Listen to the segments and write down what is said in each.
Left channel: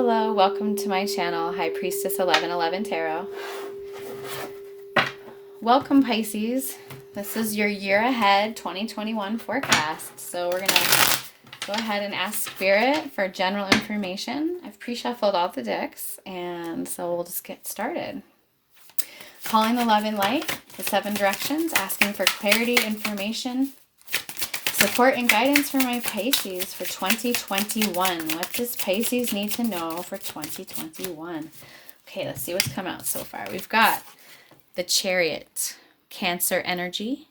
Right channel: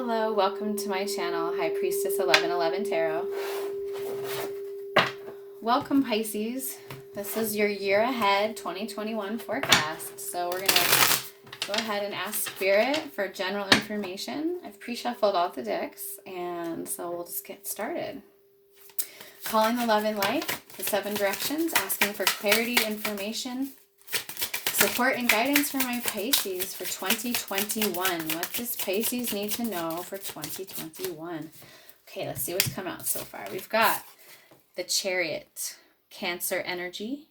Hello, welcome to my channel, High Priestess 1111 Tarot. Welcome, Pisces. This is your year ahead 2021 forecast. So we're going to go ahead and ask Spirit for general information. I've pre-shuffled all the decks, and so we'll just get started. Calling the love and light, the 7 directions, asking for clarity, information, support and guidance for my Pisces for 2021. What does Pisces need to know for 2021? Okay, let's see what's come out so far. We've got the Chariot, Cancer energy,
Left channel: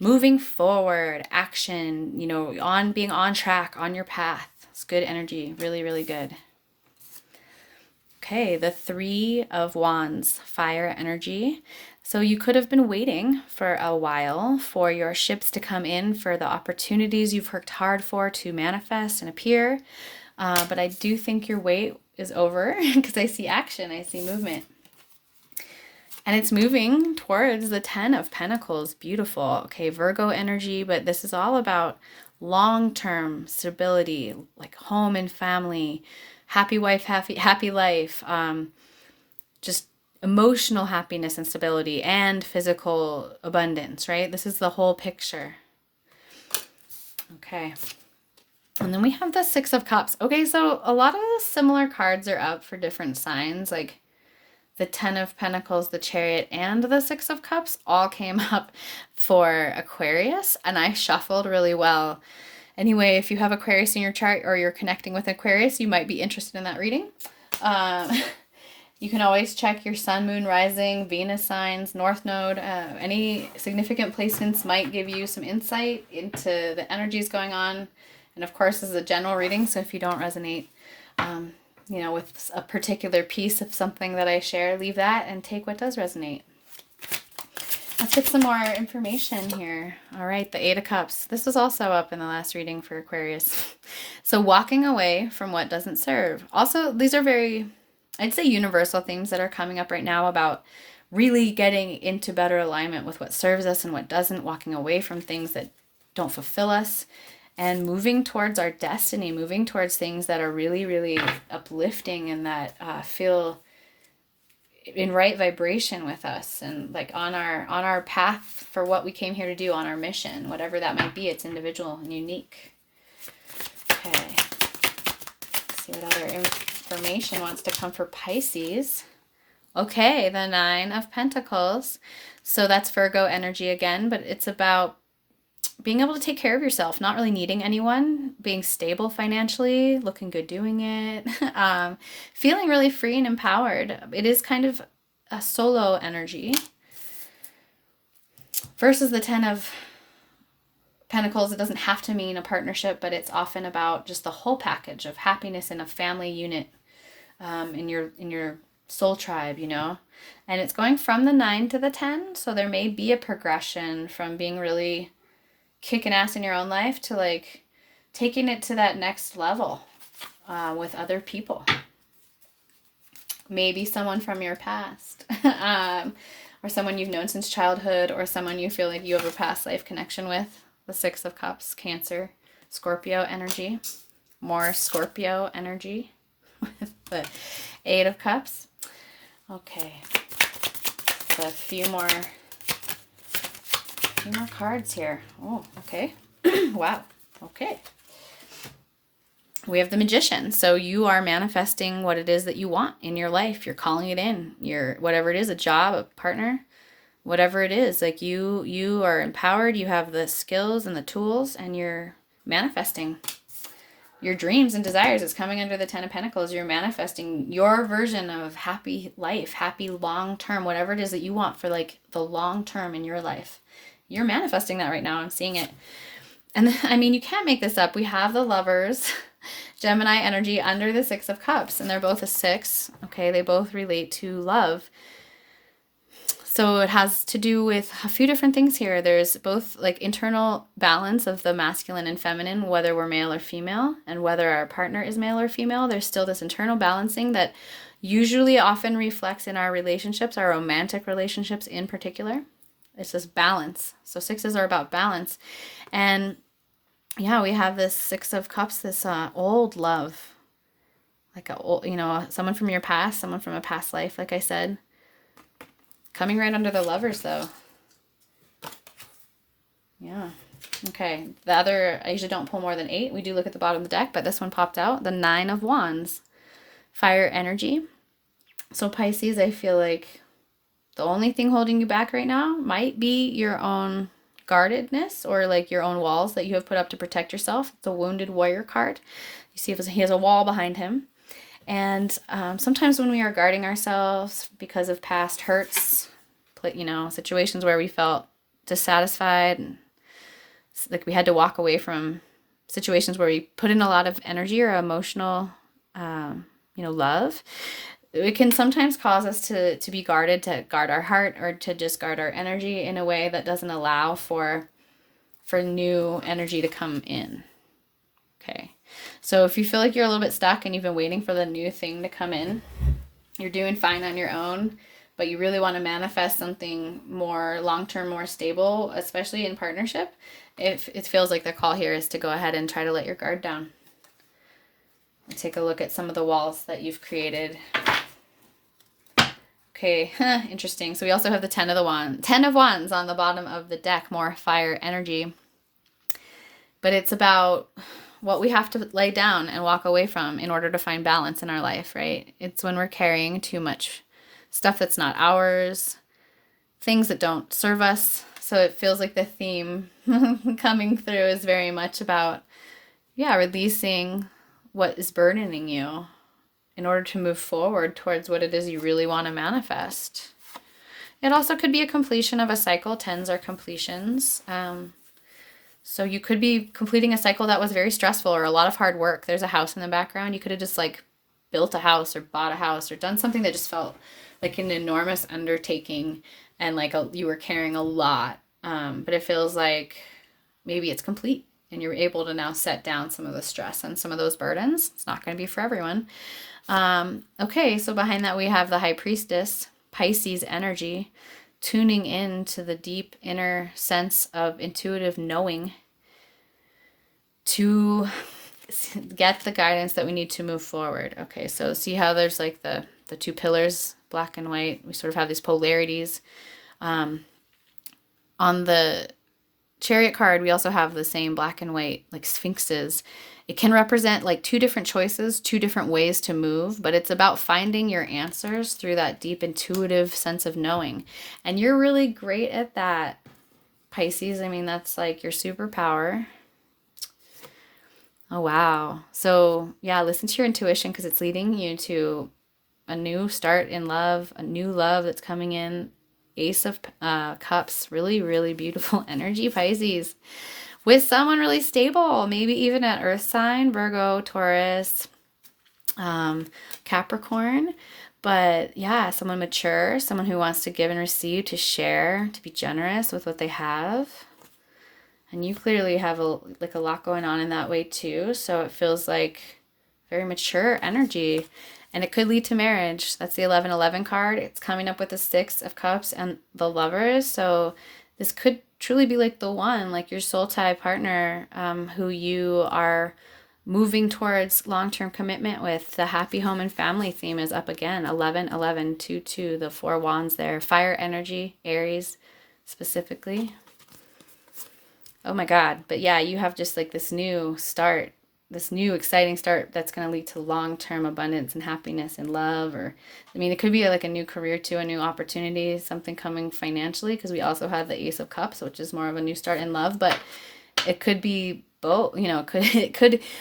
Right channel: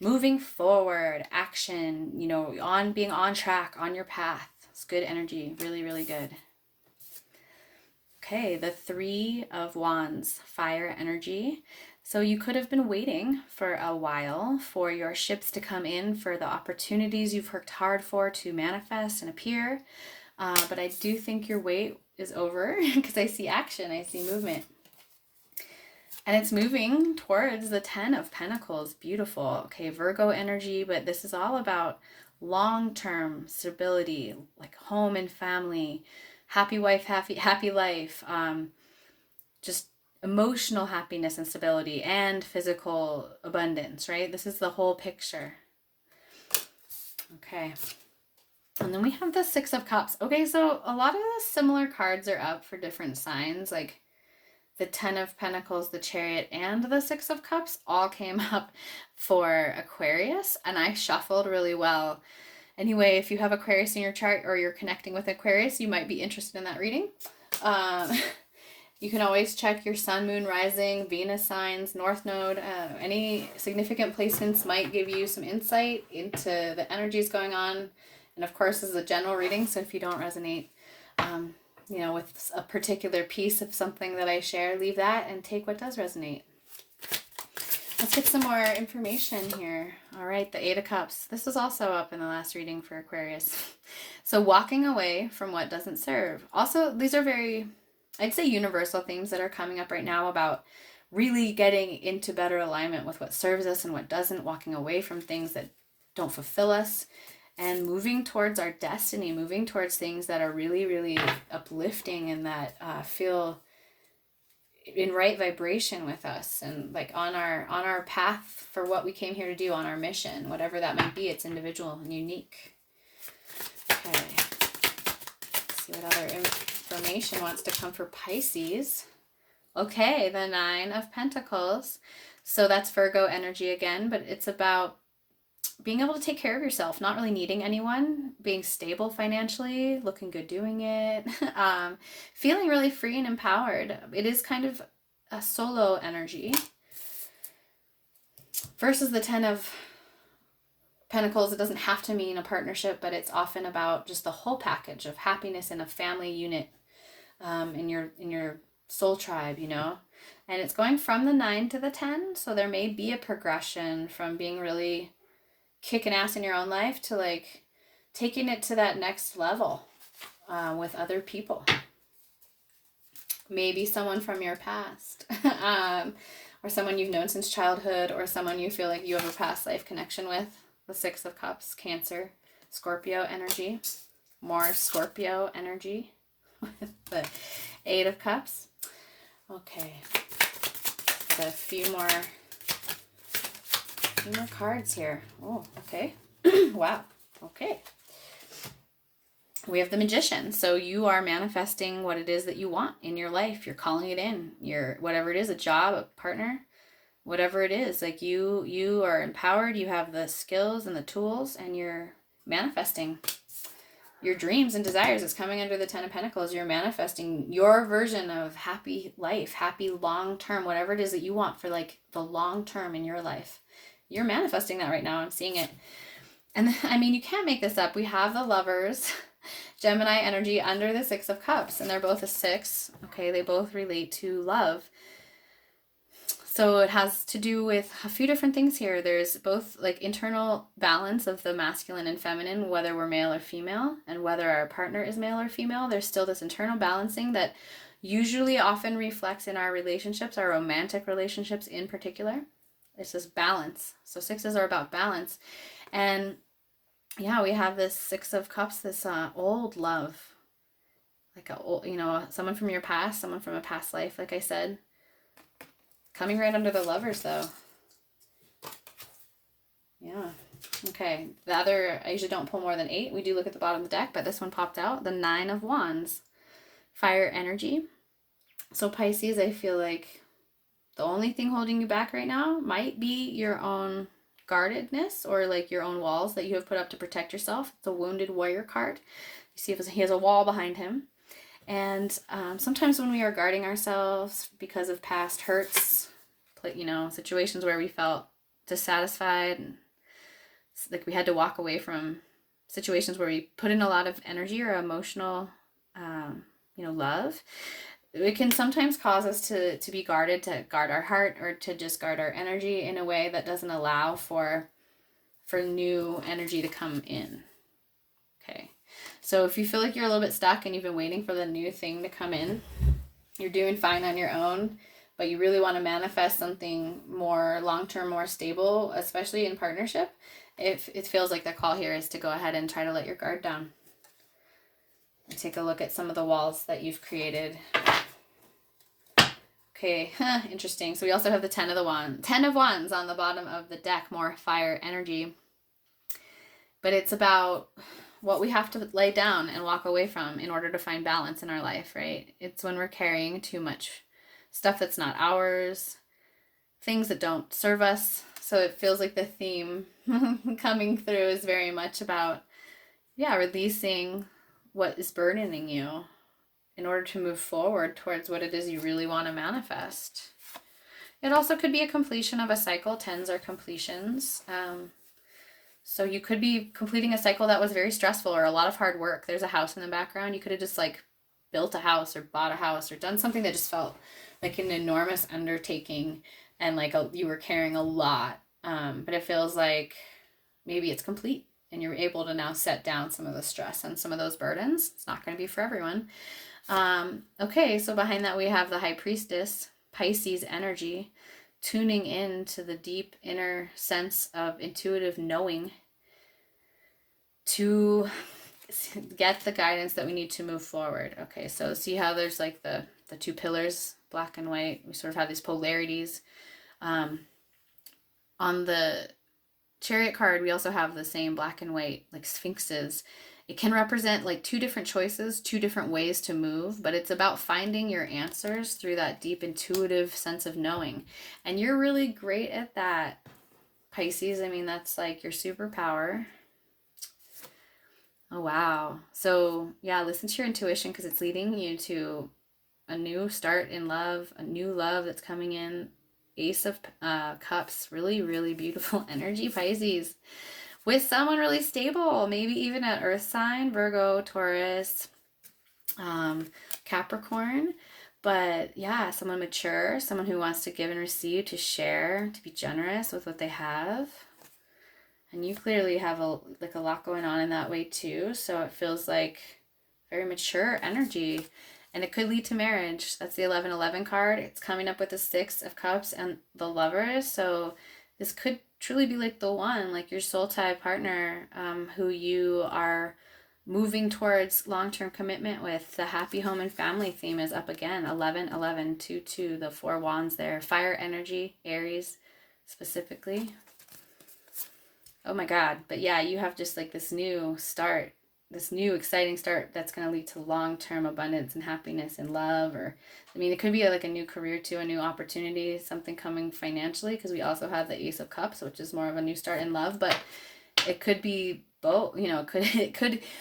moving forward, action, being on track, on your path. It's good energy, really, really good. Okay, the 3 of Wands, fire energy. So you could have been waiting for a while for your ships to come in, for the opportunities you've worked hard for to manifest and appear. But I do think your wait is over because I see action, I see movement. And it's moving towards the 10 of Pentacles. Beautiful. Okay, Virgo energy, but this is all about long-term stability, like home and family, happy wife, happy life, just emotional happiness and stability, and physical abundance, right? This is the whole picture. Okay. And then we have the 6 of Cups. Okay, so a lot of the similar cards are up for different signs, like the 10 of Pentacles, the Chariot, and the 6 of Cups all came up for Aquarius, and I shuffled really well. Anyway, if you have Aquarius in your chart or you're connecting with Aquarius, you might be interested in that reading. You can always check your sun, moon, rising, Venus signs, North Node. Any significant placements might give you some insight into the energies going on. And of course, this is a general reading, so if you don't resonate, with a particular piece of something that I share, leave that and take what does resonate. Let's get some more information here. All right, the 8 of Cups. This was also up in the last reading for Aquarius. So walking away from what doesn't serve. Also, these are very, I'd say, universal themes that are coming up right now about really getting into better alignment with what serves us and what doesn't, walking away from things that don't fulfill us, and moving towards our destiny, moving towards things that are really, really uplifting and that feel in right vibration with us, and like on our path for what we came here to do, on our mission, whatever that might be. It's individual and unique. Okay. Let's see what other information wants to come for Pisces. Okay, the 9 of Pentacles. So that's Virgo energy again, but it's about being able to take care of yourself, not really needing anyone, being stable financially, looking good doing it, feeling really free and empowered. It is kind of a solo energy. Versus the 10 of Pentacles, it doesn't have to mean a partnership, but it's often about just the whole package of happiness in a family unit, in your soul tribe, And it's going from the 9 to the 10, so there may be a progression from being really kicking ass in your own life to like taking it to that next level with other people. Maybe someone from your past, or someone you've known since childhood, or someone you feel like you have a past life connection with. The 6 of Cups, Cancer, Scorpio energy, more Scorpio energy with the 8 of Cups. Okay, so a few more cards here. Oh, okay. Wow. Okay. We have the Magician. So you are manifesting what it is that you want in your life. You're calling it in. Whatever it is, a job, a partner, whatever it is, like you are empowered, you have the skills and the tools, and you're manifesting your dreams and desires. It's coming under the 10 of Pentacles. You're manifesting your version of happy life, happy long term, whatever it is that you want for like the long term in your life. You're manifesting that right now. I'm seeing it. And I mean, you can't make this up. We have the Lovers, Gemini energy under the 6 of Cups, and they're both a 6. Okay, they both relate to love. So it has to do with a few different things here. There's both like internal balance of the masculine and feminine, whether we're male or female, and whether our partner is male or female. There's still this internal balancing that usually often reflects in our relationships, our romantic relationships in particular. It's this balance. So 6s are about balance. And yeah, we have this 6 of Cups, this old love, like a, you know, someone from your past, someone from a past life, like I said. Coming right under the Lovers, though. Yeah. Okay. The other, I usually don't pull more than 8. We do look at the bottom of the deck, but this one popped out. The 9 of Wands. Fire energy. So Pisces, I feel like the only thing holding you back right now might be your own guardedness, or like your own walls that you have put up to protect yourself. The Wounded Warrior card. You see if he has a wall behind him. And sometimes when we are guarding ourselves because of past hurts, you know, situations where we felt dissatisfied, and like we had to walk away from situations where we put in a lot of energy or emotional, you know, love, it can sometimes cause us to be guarded, to guard our heart, or to just guard our energy in a way that doesn't allow for new energy to come in. Okay. So if you feel like you're a little bit stuck and you've been waiting for the new thing to come in, you're doing fine on your own, but you really want to manifest something more long-term, more stable, especially in partnership, if it feels like the call here is to go ahead and try to let your guard down. And take a look at some of the walls that you've created. Okay, interesting. So we also have the 10 of Wands on the bottom of the deck, more fire energy. But it's about what we have to lay down and walk away from in order to find balance in our life, right? It's when we're carrying too much stuff that's not ours, things that don't serve us. So it feels like the theme coming through is very much about, yeah, releasing what is burdening you in order to move forward towards what it is you really want to manifest. It also could be a completion of a cycle. 10s are completions. So you could be completing a cycle that was very stressful or a lot of hard work. There's a house in the background. You could have just like built a house or bought a house or done something that just felt like an enormous undertaking, and like you were carrying a lot. But it feels like maybe it's complete and you're able to now set down some of the stress and some of those burdens. It's not going to be for everyone. Okay, so behind that we have the High Priestess, Pisces energy, tuning in to the deep inner sense of intuitive knowing to get the guidance that we need to move forward. Okay, so see how there's like the two pillars, black and white. We sort of have these polarities. On the Chariot card, we also have the same black and white, like sphinxes. It can represent like two different choices, two different ways to move, but it's about finding your answers through that deep intuitive sense of knowing. And you're really great at that, Pisces. I mean, that's like your superpower. Oh, wow. So yeah, listen to your intuition because it's leading you to a new start in love, a new love that's coming in. Ace of Cups, really, really beautiful energy, Pisces. With someone really stable, maybe even an earth sign, Virgo, Taurus, Capricorn. But yeah, someone mature, someone who wants to give and receive, to share, to be generous with what they have. And you clearly have a lot going on in that way too. So it feels like very mature energy. And it could lead to marriage. That's the 1111 card. It's coming up with the 6 of Cups and the Lovers. So this could truly be like the one, like your soul tie partner, who you are moving towards long-term commitment with. The happy home and family theme is up again. 11, 11, 2, 2, the 4 wands there. Fire energy, Aries specifically. Oh my God. But yeah, you have just like this new start, this new exciting start that's going to lead to long-term abundance and happiness and love. Or I mean, it could be like a new career too, a new opportunity, something coming financially, because we also have the Ace of Cups, which is more of a new start in love. But it could be both, you know,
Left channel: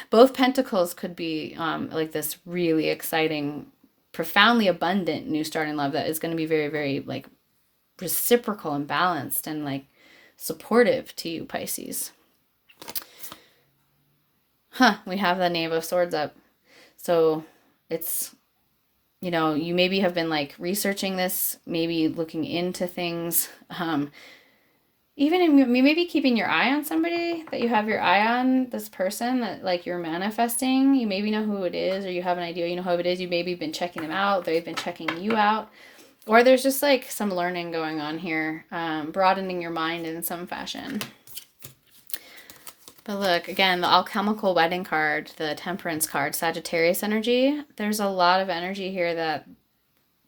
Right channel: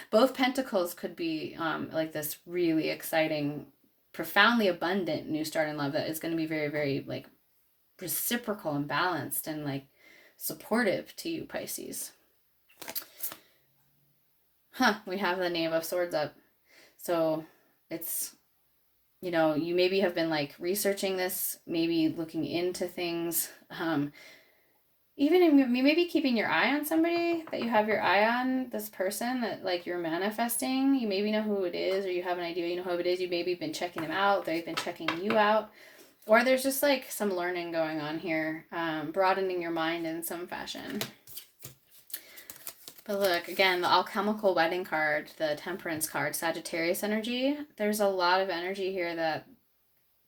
both pentacles could be like this really exciting, profoundly abundant new start in love that is going to be very, very like reciprocal and balanced and like supportive to you, Pisces. We have the Knave of Swords up. So it's, you know, you maybe have been like researching this, maybe looking into things, even maybe keeping your eye on somebody that you have your eye on, this person that like you're manifesting. You maybe know who it is, or you have an idea, you know who it is. You maybe been checking them out. They've been checking you out. Or there's just like some learning going on here, broadening your mind in some fashion. But look, again, the alchemical wedding card, the temperance card, Sagittarius energy, there's a lot of energy here that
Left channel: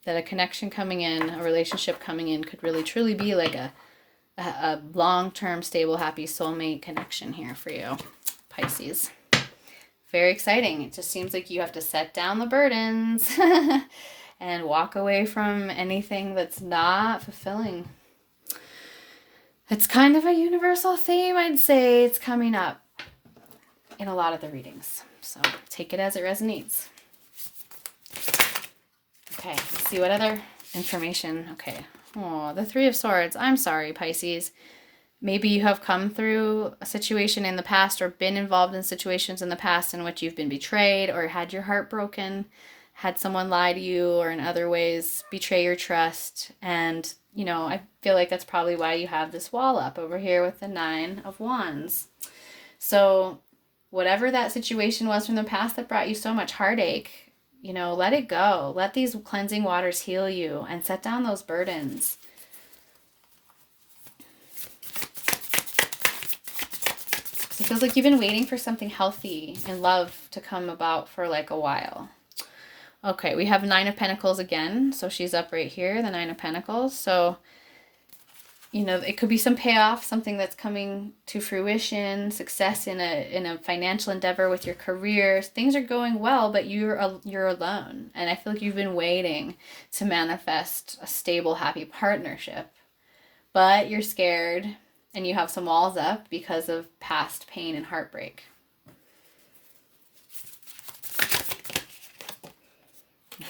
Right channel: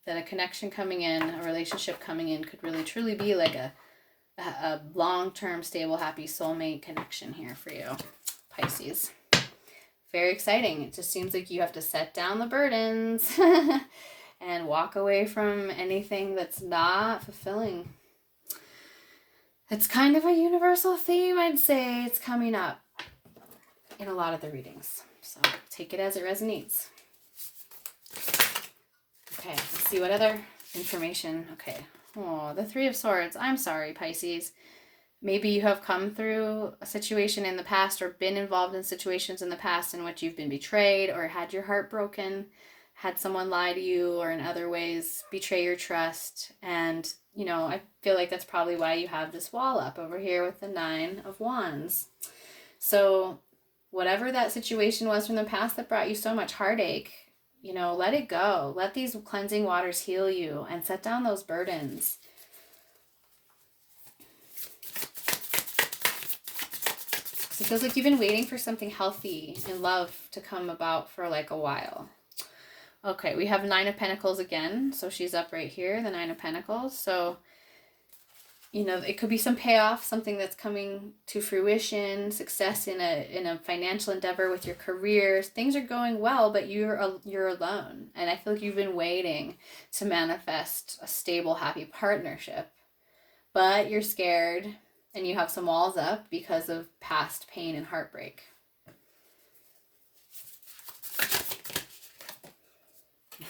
a connection coming in, a relationship coming in could really truly be like a long-term, stable, happy soulmate connection here for you, Pisces. Very exciting. It just seems like you have to set down the burdens and walk away from anything that's not fulfilling. It's kind of a universal theme, I'd say. It's coming up in a lot of the readings. So take it as it resonates. Okay, let's see what other information. Okay. Oh, the Three of Swords. I'm sorry, Pisces. Maybe you have come through a situation in the past or been involved in situations in the past in which you've been betrayed or had your heart broken, had someone lie to you or in other ways betray your trust. And, you know, I feel like that's probably why you have this wall up over here with the Nine of Wands. So whatever that situation was from the past that brought you so much heartache, you know, let it go. Let these cleansing waters heal you and set down those burdens. It feels like you've been waiting for something healthy and love to come about for like a while. Okay, we have Nine of Pentacles again. So she's up right here, the Nine of Pentacles. So, you know, it could be some payoff, something that's coming to fruition, success in a financial endeavor with your career. Things are going well, but you're alone. And I feel like you've been waiting to manifest a stable, happy partnership. But you're scared and you have some walls up because of past pain and heartbreak.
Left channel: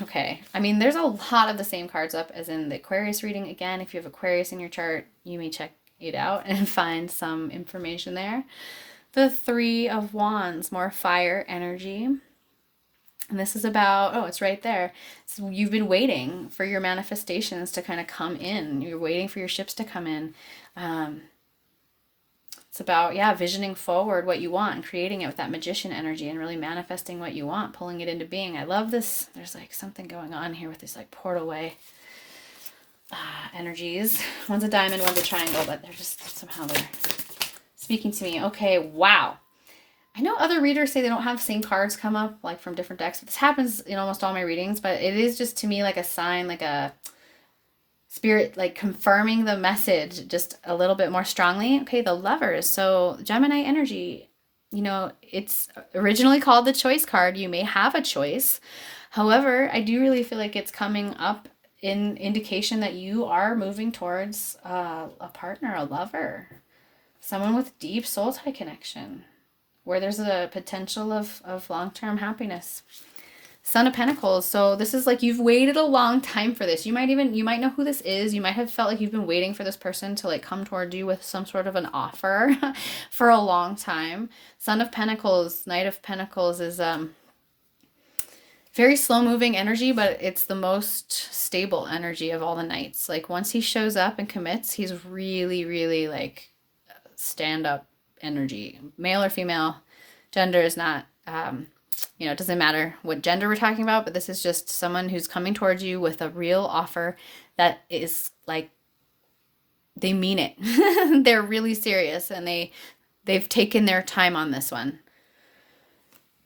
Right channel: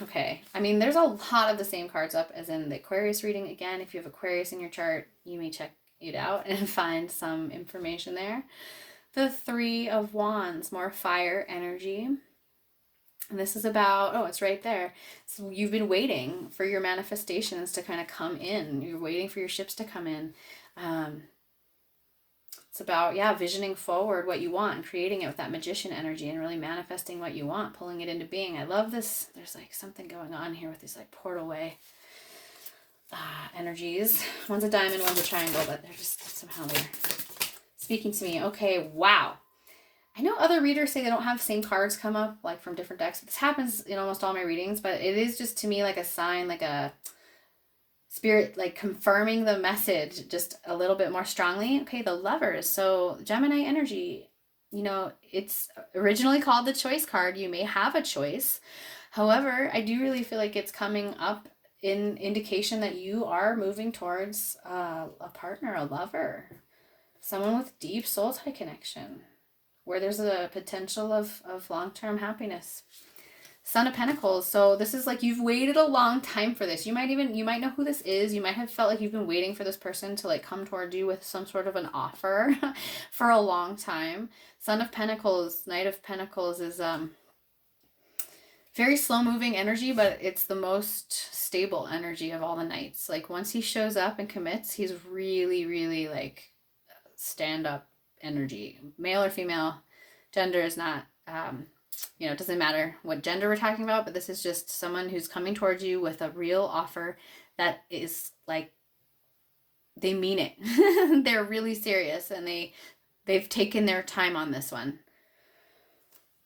Okay, I mean, there's a lot of the same cards up as in the Aquarius reading. Again, if you have Aquarius in your chart, you may check it out and find some information there. The Three of Wands, more fire energy. And this is about, oh, it's right there. So you've been waiting for your manifestations to kind of come in. You're waiting for your ships to come in. It's about, yeah, visioning forward what you want and creating it with that magician energy and really manifesting what you want, pulling it into being. I love this. There's like something going on here with these like portal way energies. One's a diamond, one's a triangle, but they're just somehow they're speaking to me. Okay, wow. I know other readers say they don't have the same cards come up like from different decks. This happens in almost all my readings, but it is just to me like a sign, like a Spirit like confirming the message just a little bit more strongly. Okay, the Lovers. So Gemini energy, you know, it's originally called the choice card. You may have a choice. However, I do really feel like it's coming up in indication that you are moving towards a partner, a lover, someone with deep soul tie connection, where there's a potential of long-term happiness. Son of Pentacles. So this is like you've waited a long time for this. You might know who this is. You might have felt like you've been waiting for this person to like come toward you with some sort of an offer for a long time. Son of Pentacles, Knight of Pentacles is very slow moving energy, but it's the most stable energy of all the knights. Like once he shows up and commits, he's really, really like stand up energy. Male or female, gender is not you know, it doesn't matter what gender we're talking about, but this is just someone who's coming towards you with a real offer that is like, they mean it. They're really serious and they've taken their time on this one,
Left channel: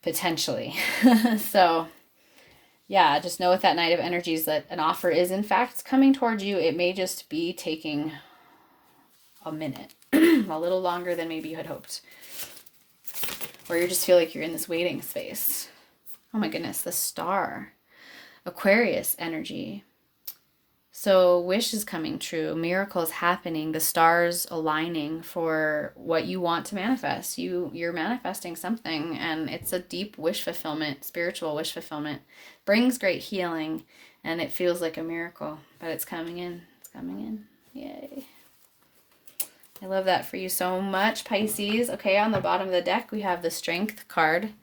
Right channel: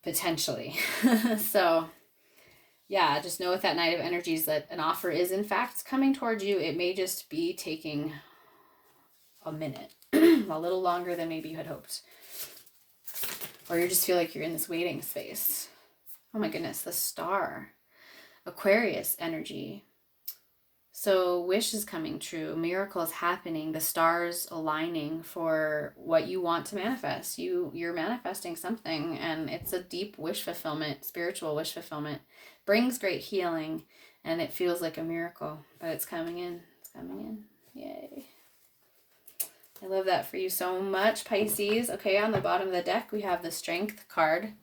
potentially. So yeah, just know with that Knight of Energies that an offer is in fact coming towards you. It may just be taking a minute, a little longer than maybe you had hoped. Or you just feel like you're in this waiting space. Oh my goodness, the Star. Aquarius energy. So wish is coming true. Miracles happening. The stars aligning for what you want to manifest. You're manifesting something and it's a deep wish fulfillment, spiritual wish fulfillment. Brings great healing and it feels like a miracle. But it's coming in. It's coming in. Yay. I love that for you so much, Pisces. Okay, on the bottom of the deck, we have the Strength card.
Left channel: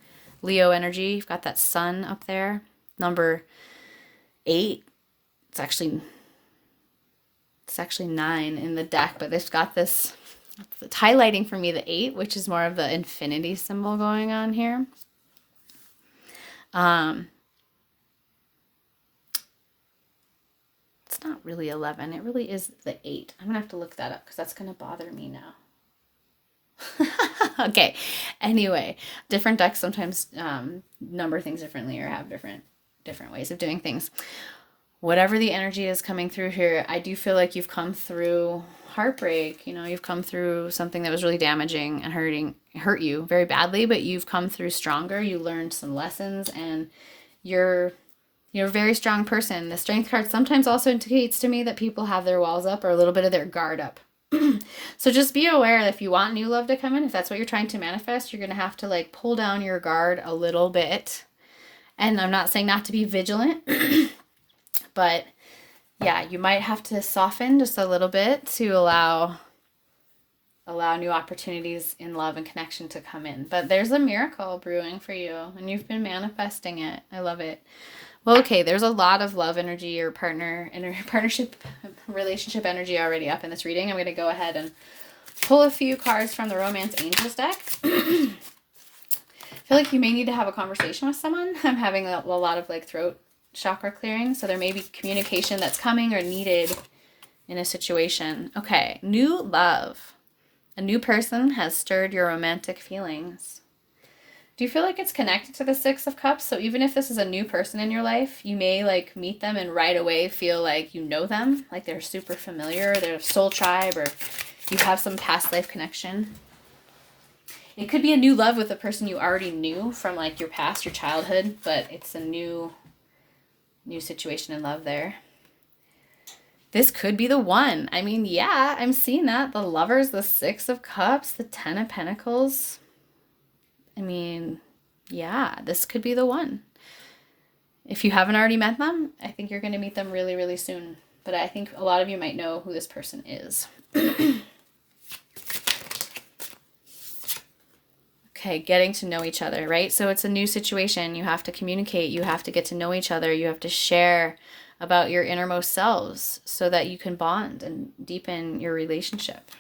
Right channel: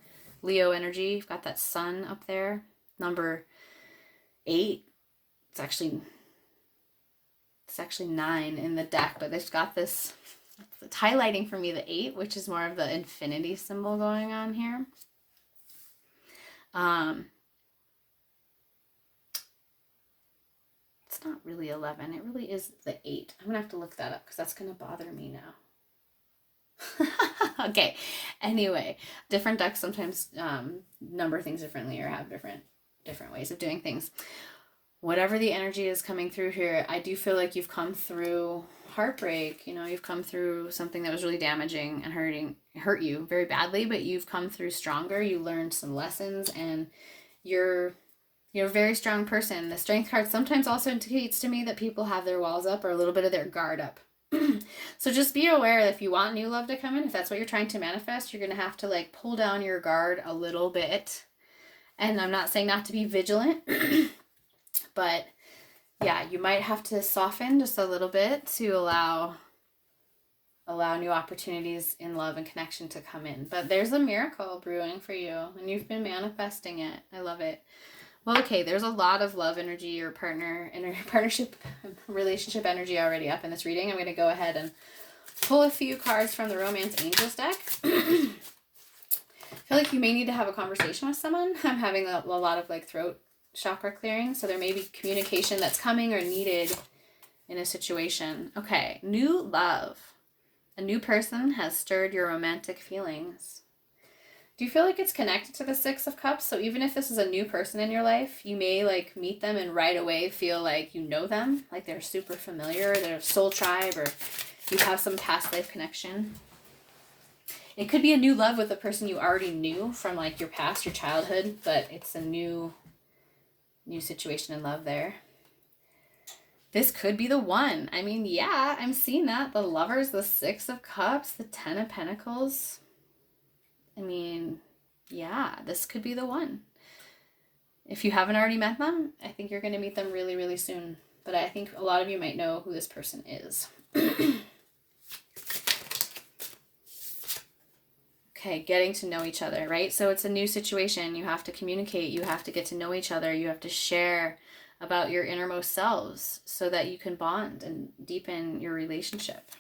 Leo energy. You've got that sun up there. Number 8. It's actually 9 in the deck, but it's got this, it's highlighting for me the 8, which is more of the infinity symbol going on here. It's not really 11. It really is the 8. I'm going to have to look that up because that's going to bother me now. Okay. Anyway, different decks sometimes number things differently or have different ways of doing things. Whatever the energy is coming through here, I do feel like you've come through heartbreak. You know, you've come through something that was really damaging and hurt you very badly, but you've come through stronger. You learned some lessons, and you're a very strong person. The strength card sometimes also indicates to me that people have their walls up or a little bit of their guard up. So just be aware that if you want new love to come in, if that's what you're trying to manifest, you're going to have to like pull down your guard a little bit. And I'm not saying not to be vigilant, but yeah, you might have to soften just a little bit to allow new opportunities in love and connection to come in. But there's a miracle brewing for you, and you've been manifesting it. I love it. Well, okay, there's a lot of love energy or partnership relationship energy already up in this reading. I'm going to go ahead and pull a few cards from the Romance Angels deck. I feel like you may need to have a conversation with someone. I'm having a lot of like throat chakra clearing, so there may be communication that's coming or needed in a situation. Okay, new love. A new person has stirred your romantic feelings. Do you feel like it's connected to the Six of Cups? So even if this is a new person in your life, you may like meet them and right away feel like you know them, like they're super familiar, they're a soul tribe, or you have some past life connection. It could be a new love with a person you already knew from like your past, your childhood, but it's a new situation in love there. This could be the one. I mean, yeah, I'm seeing that. The Lovers, the Six of Cups, the Ten of Pentacles. I mean, yeah, this could be the one. If you haven't already met them, I think you're going to meet them really, really soon. But I think a lot of you might know who this person is. Okay, getting to know each other, right? So it's a new situation. You have to communicate. You have to get to know each other. You have to share about your innermost selves so that you can bond and deepen your relationship.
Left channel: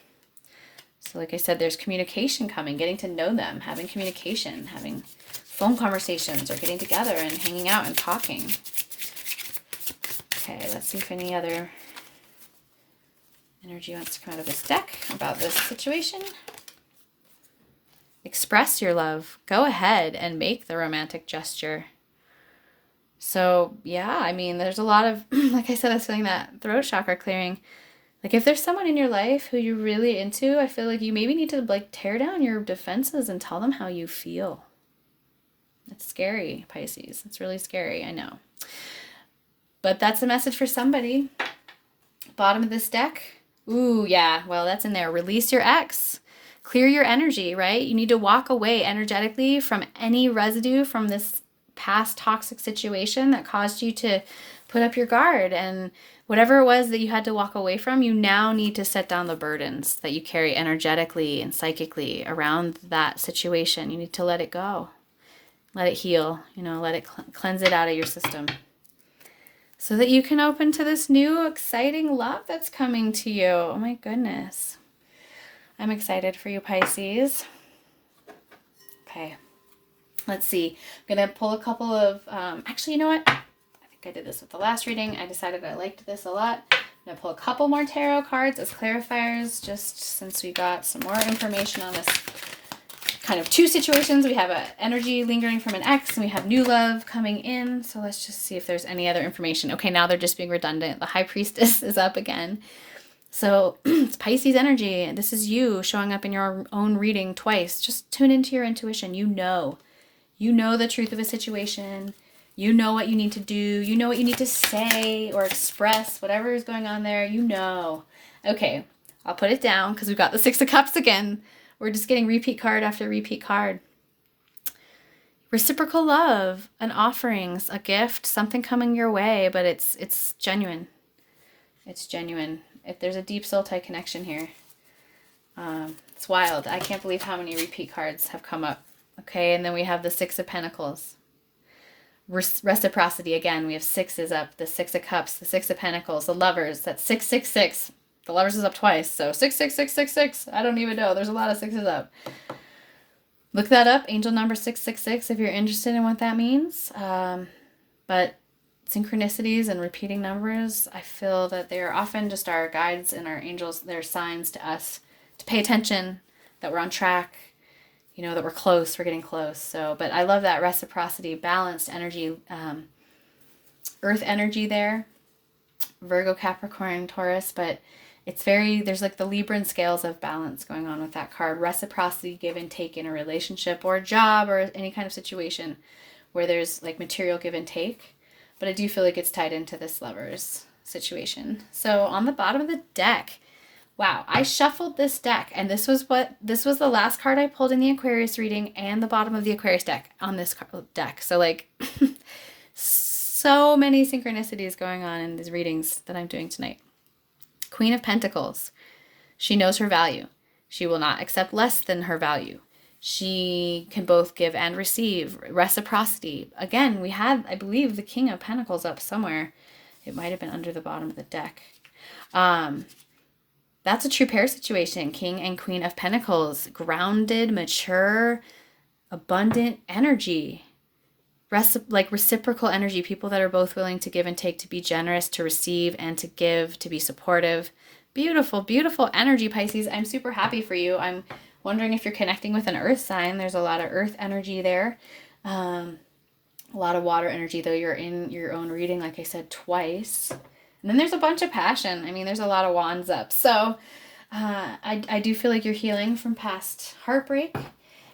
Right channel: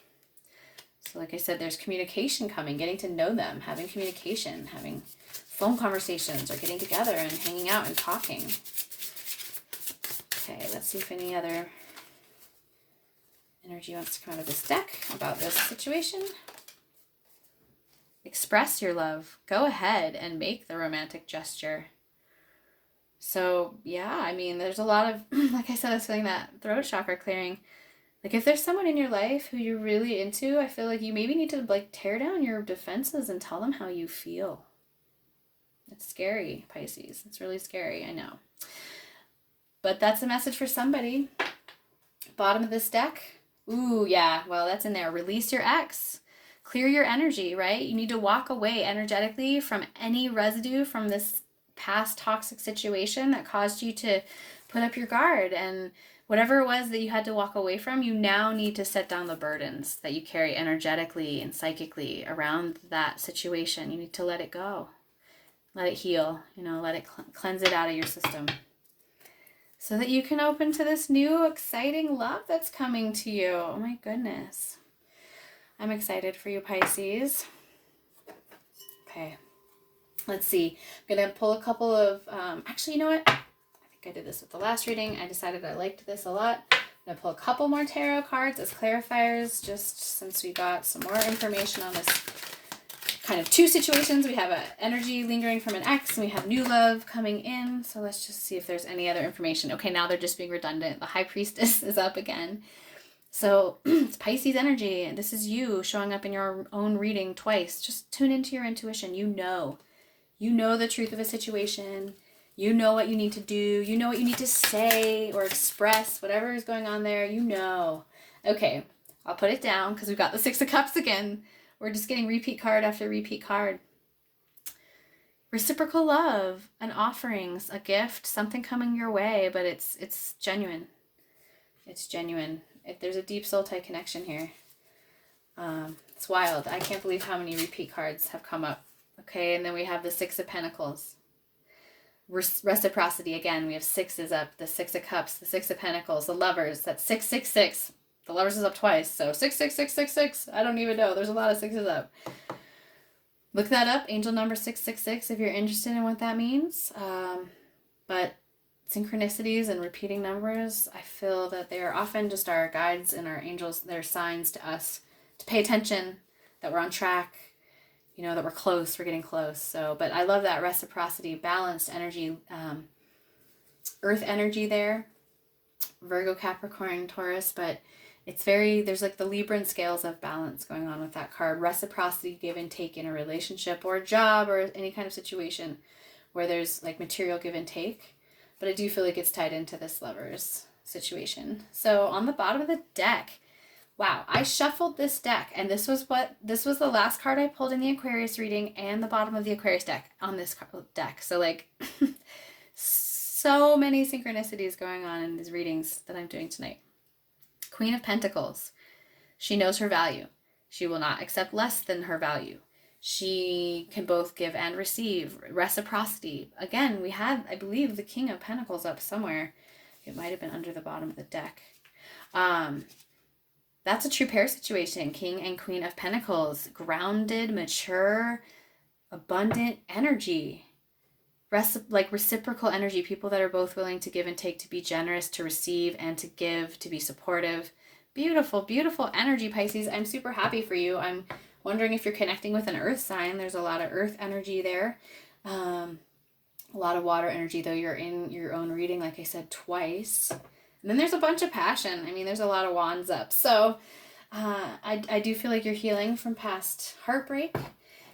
So like I said, there's communication coming, getting to know them, having communication, having phone conversations or getting together and hanging out and talking. Okay, let's see if any other energy wants to come out of this deck about this situation. Express your love. Go ahead and make the romantic gesture. So yeah, I mean, there's a lot of, like I said, I was feeling that throat chakra clearing. Like if there's someone in your life who you're really into, I feel like you maybe need to like tear down your defenses and tell them how you feel. It's scary, Pisces. It's really scary, I know. But that's a message for somebody. Bottom of this deck. Ooh, yeah, well, that's in there. Release your ex. Clear your energy, right? You need to walk away energetically from any residue from this past toxic situation that caused you to put up your guard. And whatever it was that you had to walk away from, you now need to set down the burdens that you carry energetically and psychically around that situation. You need to let it go. Let it heal, let it cleanse it out of your system so that you can open to this new exciting love that's coming to you. Oh my goodness. I'm excited for you, Pisces. Okay. Let's see. I'm going to pull a couple of, actually, you know what? I think I did this with the last reading. I decided I liked this a lot. I'm going to pull a couple more tarot cards as clarifiers, just since we got some more information on this kind of two situations. We have an energy lingering from an ex, and we have new love coming in. So let's just see if there's any other information. Okay, now they're just being redundant. The High Priestess is up again. So it's Pisces energy. This is you showing up in your own reading twice. Just tune into your intuition. You know the truth of a situation. You know what you need to do. You know what you need to say or express, whatever is going on there. Okay, I'll put it down because we've got the Six of Cups again. We're just getting repeat card after repeat card. Reciprocal love, an offerings, a gift, something coming your way, but it's genuine. It's genuine. If there's a deep soul tie connection here. It's wild. I can't believe how many repeat cards have come up. Okay, and then we have the Six of Pentacles. Reciprocity again. We have sixes up. The Six of Cups, the Six of Pentacles, the Lovers. That's 666. The Lovers is up twice, so 66666. I don't even know. There's a lot of sixes up. Look that up, angel number 666, if you're interested in what that means. But synchronicities and repeating numbers, I feel that they are often just our guides and our angels. They're signs to us to pay attention, that we're on track, you know, that we're close, we're getting close. So, but I love that reciprocity, balanced energy, earth energy there, Virgo, Capricorn, Taurus, but it's very, there's like the Libran scales of balance going on with that card. Reciprocity, give and take in a relationship or a job or any kind of situation where there's like material give and take. But I do feel like it's tied into this Lovers situation. So on the bottom of the deck, wow, I shuffled this deck, and this was the last card I pulled in the Aquarius reading and the bottom of the Aquarius deck on this deck. So like so many synchronicities going on in these readings that I'm doing tonight. Queen of Pentacles. She knows her value. She will not accept less than her value. She can both give and receive. Reciprocity. Again, we had, I believe, the King of Pentacles up somewhere. It might have been under the bottom of the deck. That's a true pair situation. King and Queen of Pentacles. Grounded, mature, abundant energy. Like reciprocal energy. People that are both willing to give and take, to be generous, to receive, and to give, to be supportive. Beautiful, beautiful energy, Pisces. I'm super happy for you. I'm wondering if you're connecting with an earth sign. There's a lot of earth energy there. A lot of water energy, though. You're in your own reading, like I said, twice. And then there's a bunch of passion. I mean, there's a lot of wands up. So I do feel like you're healing from past heartbreak.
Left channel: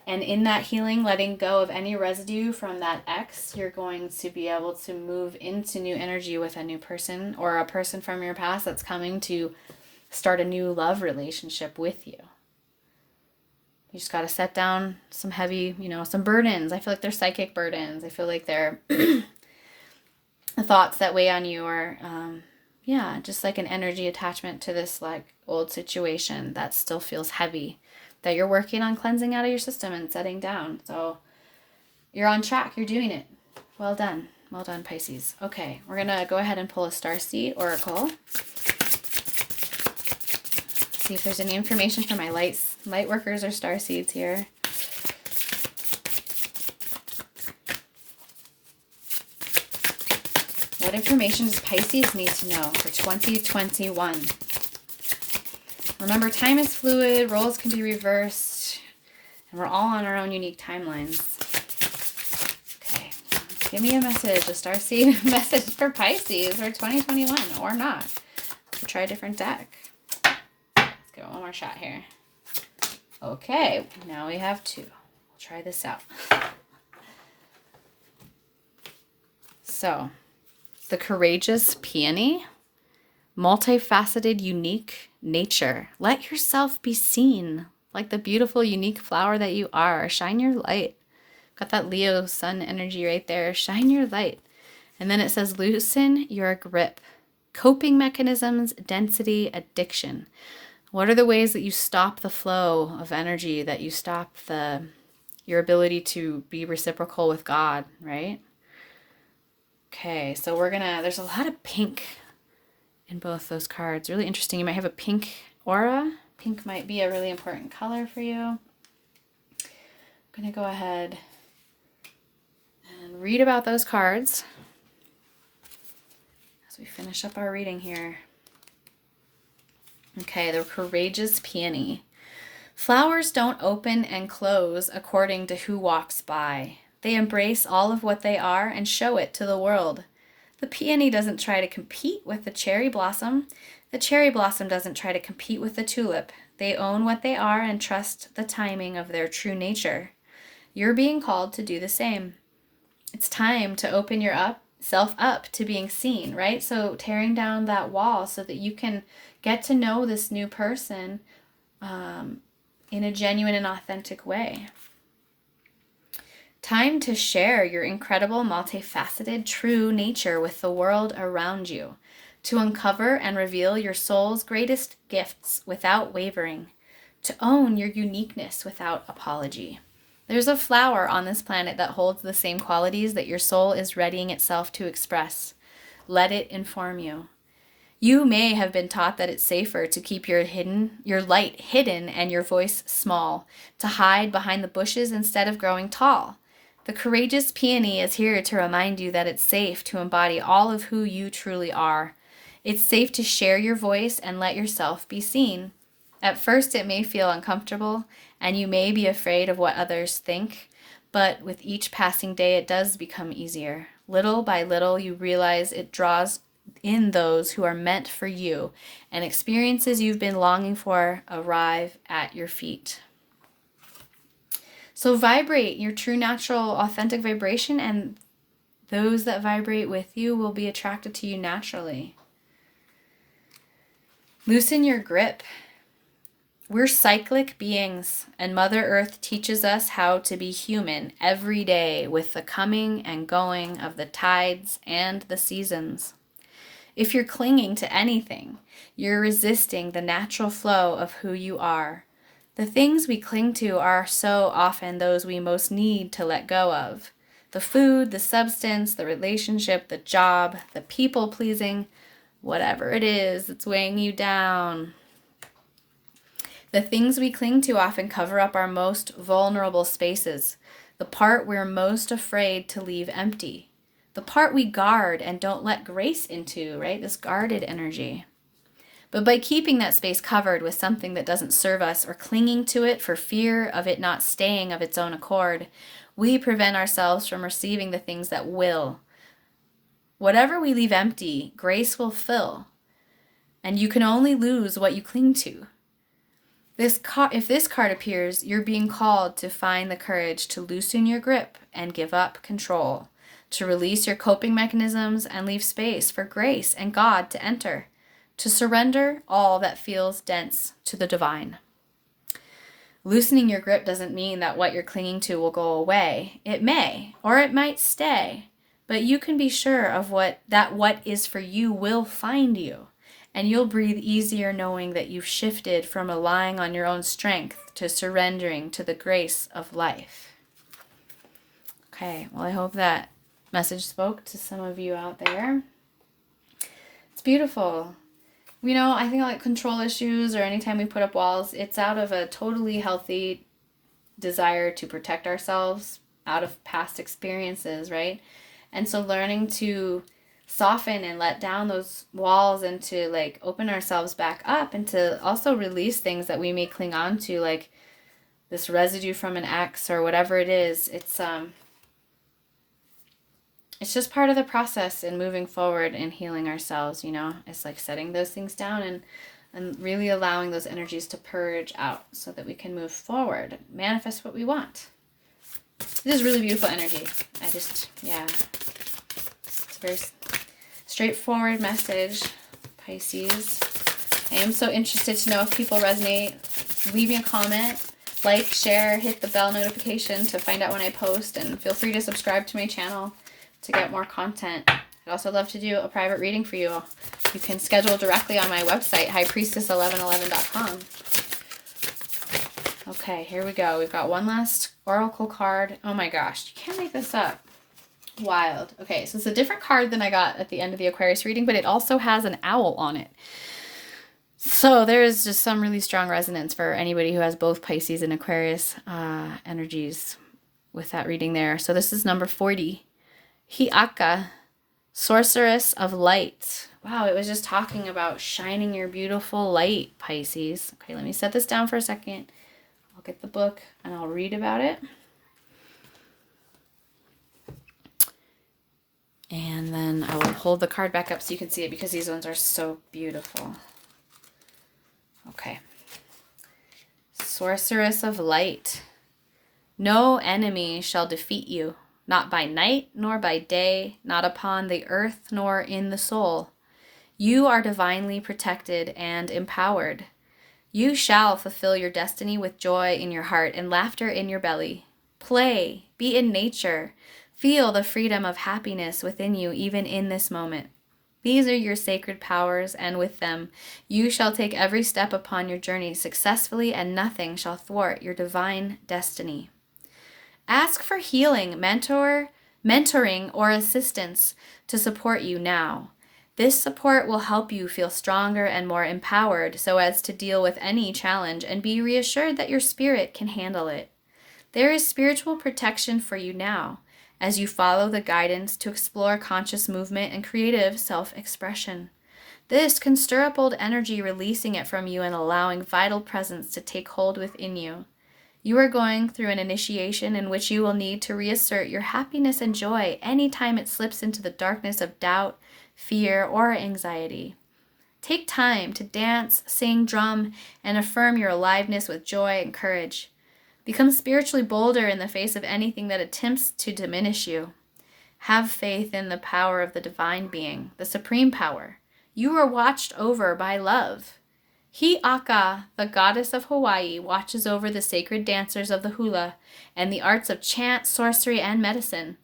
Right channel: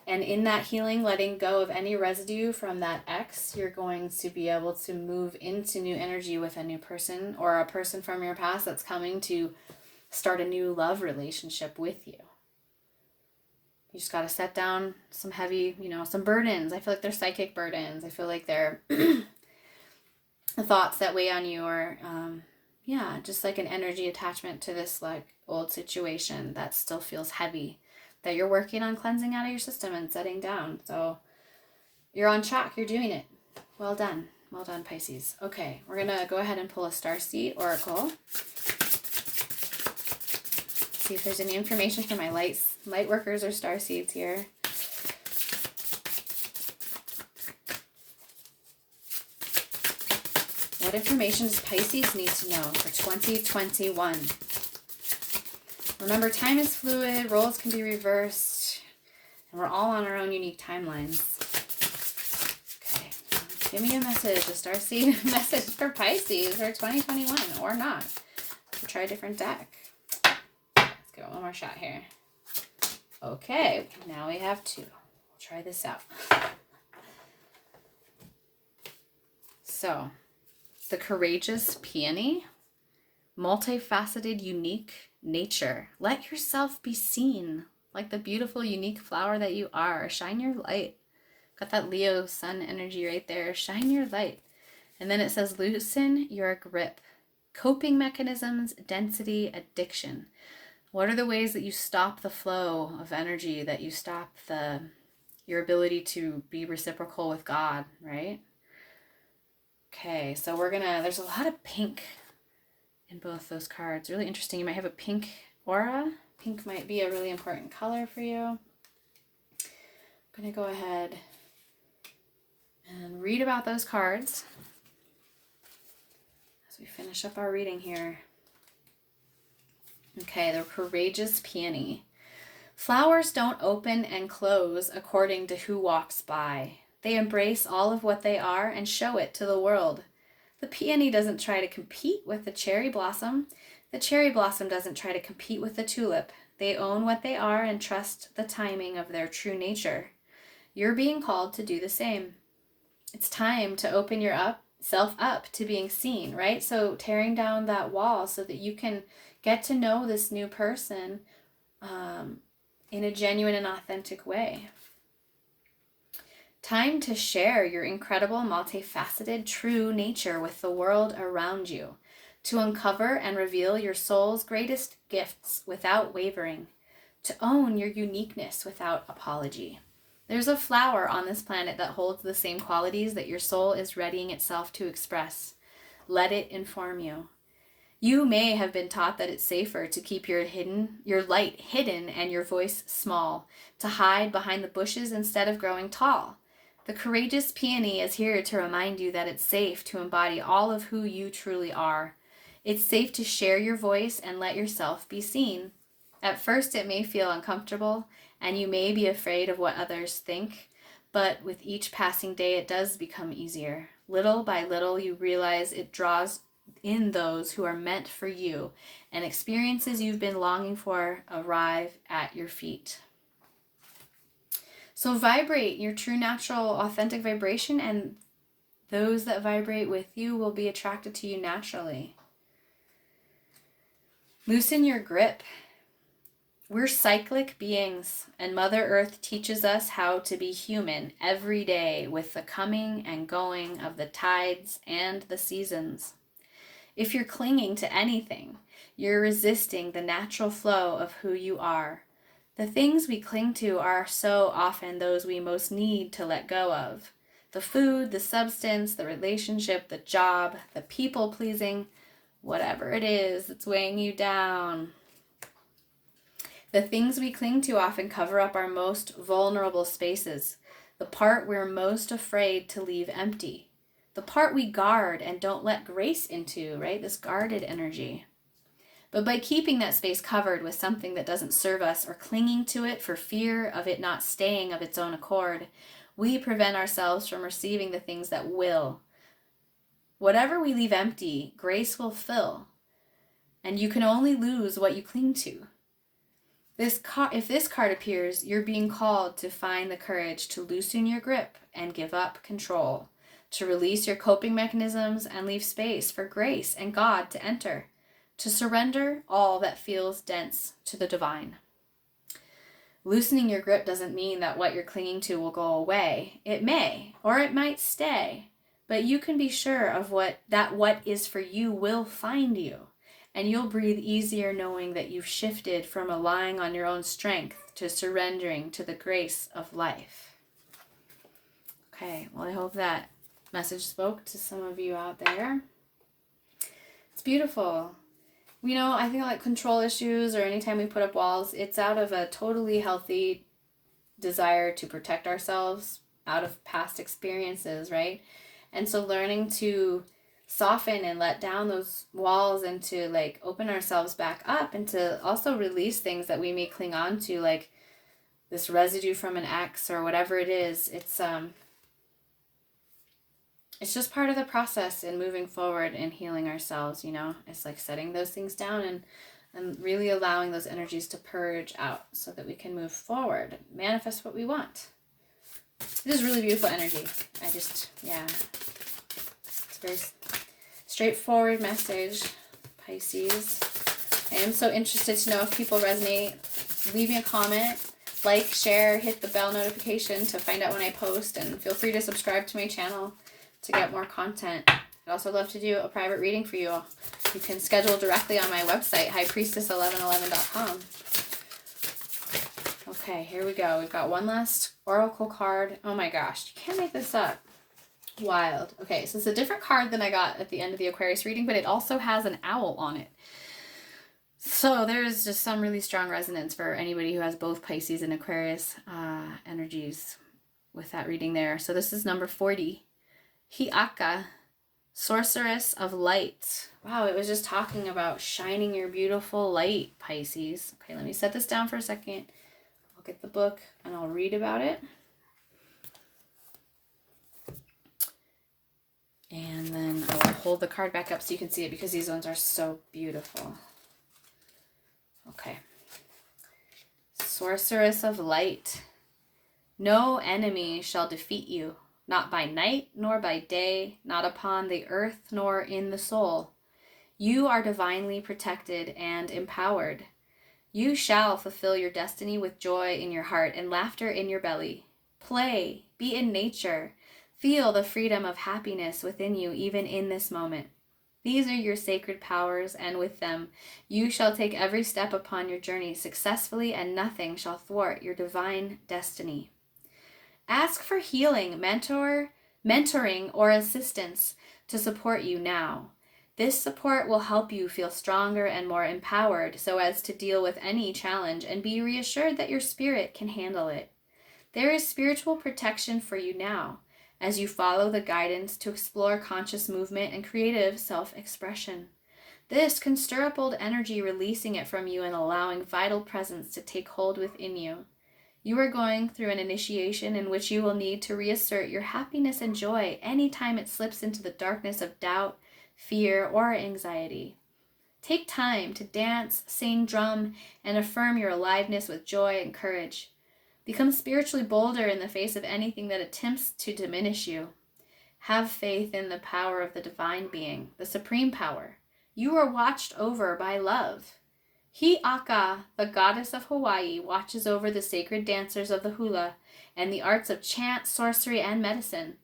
And in that healing, letting go of any residue from that ex, you're going to be able to move into new energy with a new person or a person from your past that's coming to start a new love relationship with you. You just got to set down some heavy, some burdens. I feel like they're psychic burdens. I feel like they're the thoughts that weigh on you, or just like an energy attachment to this like old situation that still feels heavy, that you're working on cleansing out of your system and setting down. So you're on track. You're doing it. Well done. Well done, Pisces. Okay, we're going to go ahead and pull a Starseed Oracle. See if there's any information for my light workers or starseeds here. What information does Pisces need to know for 2021? Remember, time is fluid, roles can be reversed, and we're all on our own unique timelines. Okay, give me a message, a starseed message for Pisces for 2021, or not. We'll try a different deck. Let's go one more shot here. Okay, now we have two. We'll try this out. So, the courageous peony, multifaceted, unique nature. Let yourself be seen like the beautiful, unique flower that you are. Shine your light. Got that Leo sun energy right there. Shine your light. And then it says, loosen your grip. Coping mechanisms, density, addiction. What are the ways that you stop the flow of energy, that you stop your ability to be reciprocal with God, right? Okay, so there's a lot of pink in both those cards. Really interesting. You might have a pink aura. Pink might be a really important color for you. I'm going to go ahead and read about those cards as we finish up our reading here. Okay, the courageous peony. Flowers don't open and close according to who walks by. They embrace all of what they are and show it to the world. The peony doesn't try to compete with the cherry blossom. The cherry blossom doesn't try to compete with the tulip. They own what they are and trust the timing of their true nature. You're being called to do the same. It's time to open yourself up to being seen, right? So tearing down that wall so that you can get to know this new person in a genuine and authentic way. Time to share your incredible, multifaceted, true nature with the world around you, to uncover and reveal your soul's greatest gifts without wavering, to own your uniqueness without apology. There's a flower on this planet that holds the same qualities that your soul is readying itself to express. Let it inform you. You may have been taught that it's safer to keep your light hidden and your voice small, to hide behind the bushes instead of growing tall. The courageous peony is here to remind you that it's safe to embody all of who you truly are. It's safe to share your voice and let yourself be seen. At first, it may feel uncomfortable and you may be afraid of what others think, but with each passing day, it does become easier. Little by little, you realize it draws in those who are meant for you, and experiences you've been longing for arrive at your feet. So vibrate your true, natural, authentic vibration, and those that vibrate with you will be attracted to you naturally. Loosen your grip. We're cyclic beings, and Mother Earth teaches us how to be human every day with the coming and going of the tides and the seasons. If you're clinging to anything, you're resisting the natural flow of who you are. The things we cling to are so often those we most need to let go of. The food, the substance, the relationship, the job, the people pleasing, whatever it is that's weighing you down. The things we cling to often cover up our most vulnerable spaces, the part we're most afraid to leave empty, the part we guard and don't let grace into, right? This guarded energy. But by keeping that space covered with something that doesn't serve us or clinging to it for fear of it not staying of its own accord, we prevent ourselves from receiving the things that will. Whatever we leave empty, grace will fill. And you can only lose what you cling to. If this card appears, you're being called to find the courage to loosen your grip and give up control, to release your coping mechanisms and leave space for grace and God to enter, to surrender all that feels dense to the divine. Loosening your grip doesn't mean that what you're clinging to will go away. It may, or it might stay, but you can be sure of what is for you will find you. And you'll breathe easier knowing that you've shifted from relying on your own strength to surrendering to the grace of life. Okay, well, I hope that message spoke to some of you out there. It's beautiful. You know, I think like control issues or anytime we put up walls, it's out of a totally healthy desire to protect ourselves out of past experiences, right? And so learning to soften and let down those walls and to like open ourselves back up and to also release things that we may cling on to, like this residue from an ex or whatever it is. It's just part of the process in moving forward and healing ourselves, you know. It's like setting those things down and really allowing those energies to purge out so that we can move forward, manifest what we want. This is really beautiful energy. It's very straightforward message, Pisces. I am so interested to know if people resonate. Leave me a comment, like, share, hit the bell notification to find out when I post, and feel free to subscribe to my channel to get more content. I'd also love to do a private reading for you. You can schedule directly on my website, highpriestess1111.com. Okay, here we go. We've got one last oracle card. Oh my gosh, you can't make this up. Wild. Okay, so it's a different card than I got at the end of the Aquarius reading, but it also has an owl on it. So there's just some really strong resonance for anybody who has both Pisces and Aquarius energies with that reading there. So this is number 40. Hi'aka, Sorceress of Light. Wow, it was just talking about shining your beautiful light, Pisces. Okay, let me set this down for a second. I'll get the book and I'll read about it. And then I will hold the card back up so you can see it because these ones are so beautiful. Okay. Sorceress of Light. No enemy shall defeat you, not by night nor by day, not upon the earth nor in the soul. You are divinely protected and empowered. You shall fulfill your destiny with joy in your heart and laughter in your belly. Play, be in nature. Feel the freedom of happiness within you even in this moment. These are your sacred powers, and with them you shall take every step upon your journey successfully, and nothing shall thwart your divine destiny. Ask for healing, mentoring, or assistance to support you now. This support will help you feel stronger and more empowered so as to deal with any challenge and be reassured that your spirit can handle it. There is spiritual protection for you now as you follow the guidance to explore conscious movement and creative self-expression. This can stir up old energy, releasing it from you and allowing vital presence to take hold within you. You are going through an initiation in which you will need to reassert your happiness and joy anytime it slips into the darkness of doubt, fear, or anxiety. Take time to dance, sing, drum, and affirm your aliveness with joy and courage. Become spiritually bolder in the face of anything that attempts to diminish you. Have faith in the power of the divine being, the supreme power. You are watched over by love. Hi'aka, the goddess of Hawaii, watches over the sacred dancers of the hula and the arts of chant, sorcery, and medicine.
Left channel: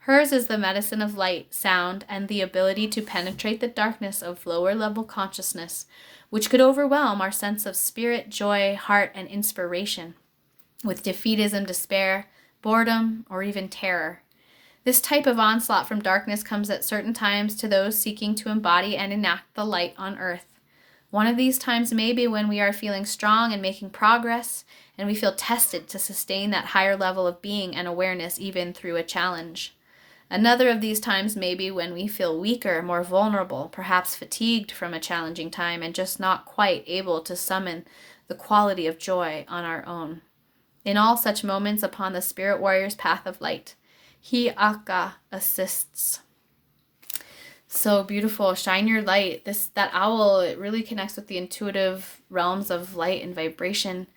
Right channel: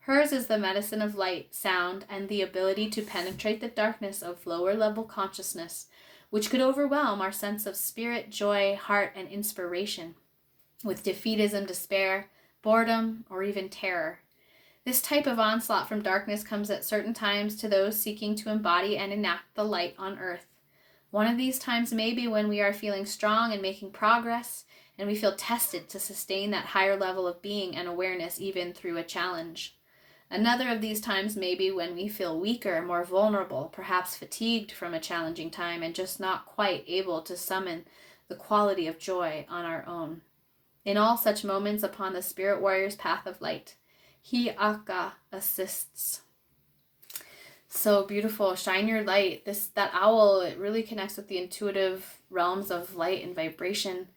Hers is the medicine of light, sound, and the ability to penetrate the darkness of lower-level consciousness, which could overwhelm our sense of spirit, joy, heart, and inspiration, with defeatism, despair, boredom, or even terror. This type of onslaught from darkness comes at certain times to those seeking to embody and enact the light on earth. One of these times may be when we are feeling strong and making progress, and we feel tested to sustain that higher level of being and awareness even through a challenge. Another of these times may be when we feel weaker, more vulnerable, perhaps fatigued from a challenging time and just not quite able to summon the quality of joy on our own. In all such moments upon the Spirit Warrior's path of light, Hi'aka assists. So beautiful. Shine your light. That owl, it really connects with the intuitive realms of light and vibration.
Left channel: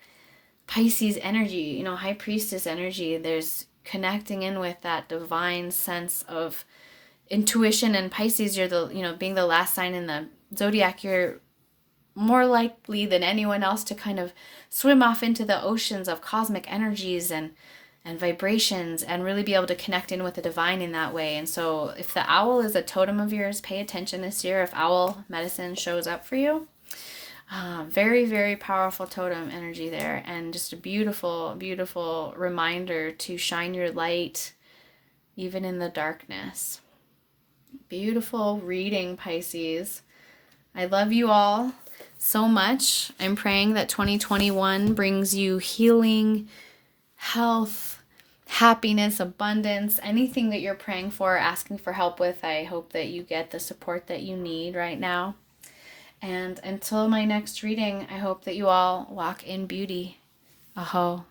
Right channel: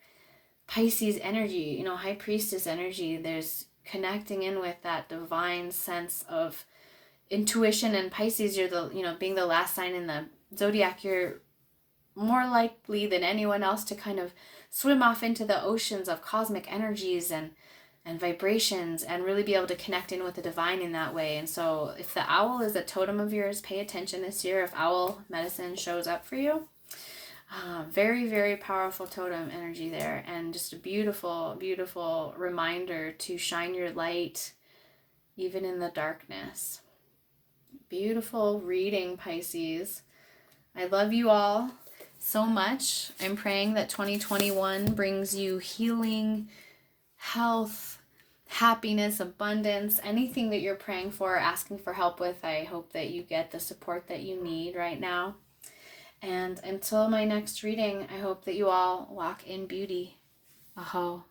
Pisces energy, high priestess energy. There's connecting in with that divine sense of intuition. And Pisces, you're being the last sign in the zodiac, you're more likely than anyone else to kind of swim off into the oceans of cosmic energies and vibrations and really be able to connect in with the divine in that way. And so if the owl is a totem of yours, pay attention this year if owl medicine shows up for you. Very, very powerful totem energy there, and just a beautiful, beautiful reminder to shine your light even in the darkness. Beautiful reading, Pisces. I love you all so much. I'm praying that 2021 brings you healing, health, happiness, abundance, anything that you're praying for, asking for help with. I hope that you get the support that you need right now. And until my next reading, I hope that you all walk in beauty. Aho.